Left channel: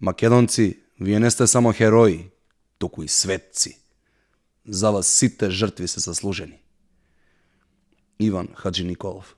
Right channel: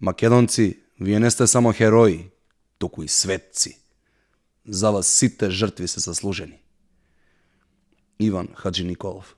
Македонци, вие не сте само херои, туку и светци. За вас сите жртви се заслужени. Иван Хаджи Николов.